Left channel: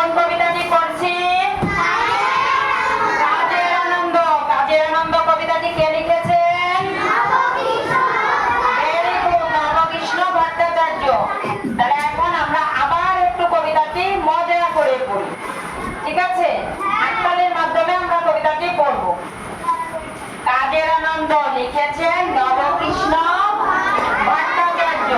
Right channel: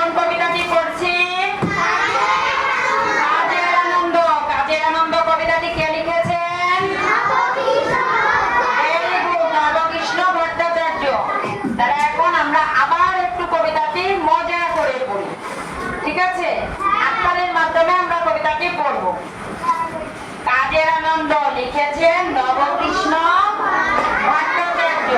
কোন কবিতাটি পড়ছি? কাজের আনন্দ। কাজের আনন্দ কবিতাটি কে লিখেছেন? Very good, Nabakrishna Bhattacharya. তাহলে এখন আমরা আবার একটু কবিতাটি মজা করে পড়ি, ঠিক আছে? আক্তারের মাধ্যমে আমরা কবিতাটি পড়ব। কাজের আনন্দ লিখেছেন নবকৃষ্ণ ভট্টাচার্য।